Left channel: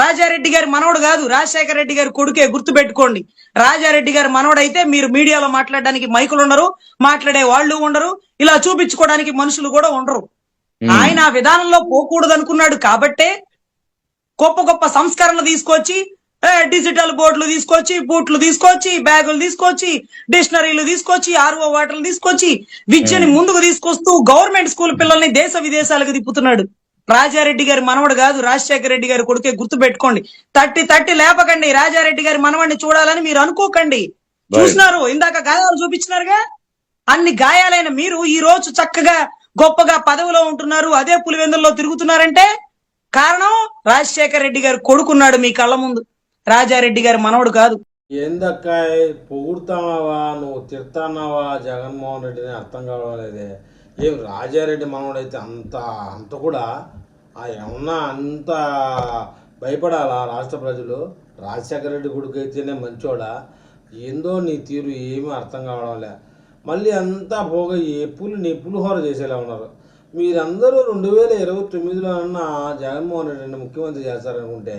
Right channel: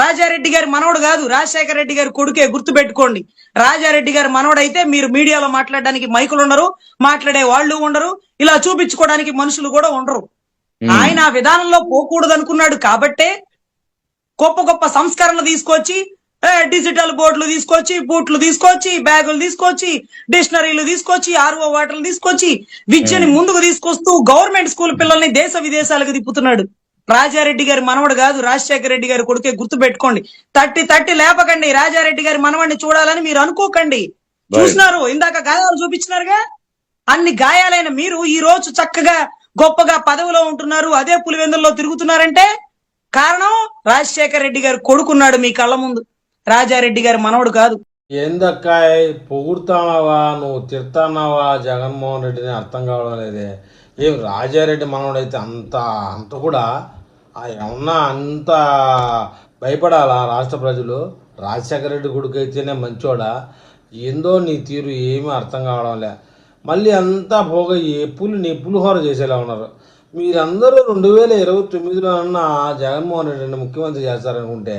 రాజారెడ్డి గారి మనవడు కాదు, రాజశేఖర రెడ్డి గారి కొడుకే, గుర్తుపెట్టుకోండి. రాజారెడ్డి గారి మనవడు అయితే మీరు మీడియాలో మాట్లాడడానికి మైకులు ఉండరు, మాట్లాడే వాళ్ళు ఉండరు, ఇలా చూపించుకోవడానికి మనుషులు కూడా ఉండరు. ఆయన ఆ విధానంలో పోకూడదు అనుకున్నాడు కాబట్టే గొప్ప గొప్ప సంస్కరణలు తీసుకొచ్చి డిజిటల్ బోర్డులు తీసుకొచ్చి, బూట్లు తీసుకొచ్చి, బ్యాగులు తీసుకొచ్చి, డిక్షనరీలు తీసుకొచ్చి, ఆర్ఓ వాటర్లు తీసుకొచ్చి విద్యని ముందుకు తీసుకొస్తూ గవర్నమెంట్ స్కూల్ పిల్లల్ని దేశ విదేశాలకు తిప్పుతున్నాడు. రాజారెడ్డి గారి మనవడు కాదు, రాజశేఖర రెడ్డి గారి కొడుకే, గుర్తు పెట్టుకోండి. తట్టి లేపకండి. రాజారెడ్డి గారి మనవడిని చూడాలని మీరు అనుకోకండి. చూసినారు, ఇందాక గాయాలు చూపించినారుగా. అన్ని గాయాలైన మీరు ఈ రోజు చక్కగా గొప్పగా పదవిలో ఉంటున్నారు, అదే పులివెందుల్లో తిరుగుతున్నారంటే కారణం రాజశేఖర రెడ్డి గారు కొడుకున్నాడు మీ కళ్ళ ముందు, రాజారెడ్డి గారి మనవడు కాదు. ఏందక్కాయ్ పొగుడుతున్నావా, నువ్వు తిడుతున్నావా జగన్మోహన్ రెడ్డిని అర్థం కావడం లేదే. ఏం రాజారెడ్డి మనవడైతే అంత కూడా ఏమన్నా అంత భయపడాలా రాష్ట్ర ప్రజలు? రాజశేఖర రెడ్డి కొడుకు అయితేనే మంచోడా? ఏందో నీ తీరు ఏమీ అర్థం కావడం లే. మళ్ళీ అంతా పోగా నీ పులిహోర చేసేలా ఉన్నారు. మీరందరూ 2029లో అన్న జగన్మోహన్ రెడ్డిని ముఖ్యమంత్రి చేస్తారనుకుంటే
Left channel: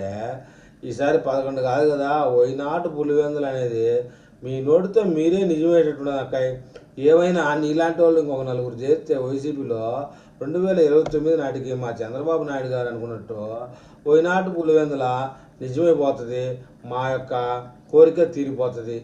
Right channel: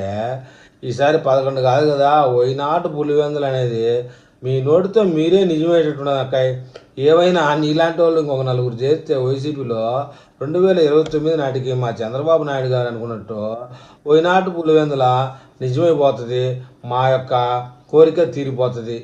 ఈసారి 11 కాదు కదా, వైనాటు పులివెందులు అనేది మీ నోటితో మీరే నిజమయ్యేటట్టున్నది అక్కాయ్. ఏమైనా నీలాంటి వాళ్ళు ఇంకొక నలుగురు చేస్తే వైసీపీలో 2029 నాటికి మా చంద్రబాబు నాయుడు గారు అనుకున్నట్టు వైనాటు పులివెందుల నిజమైపోతుంది, మా యొక్క కోరిక తీరిపోతుంది.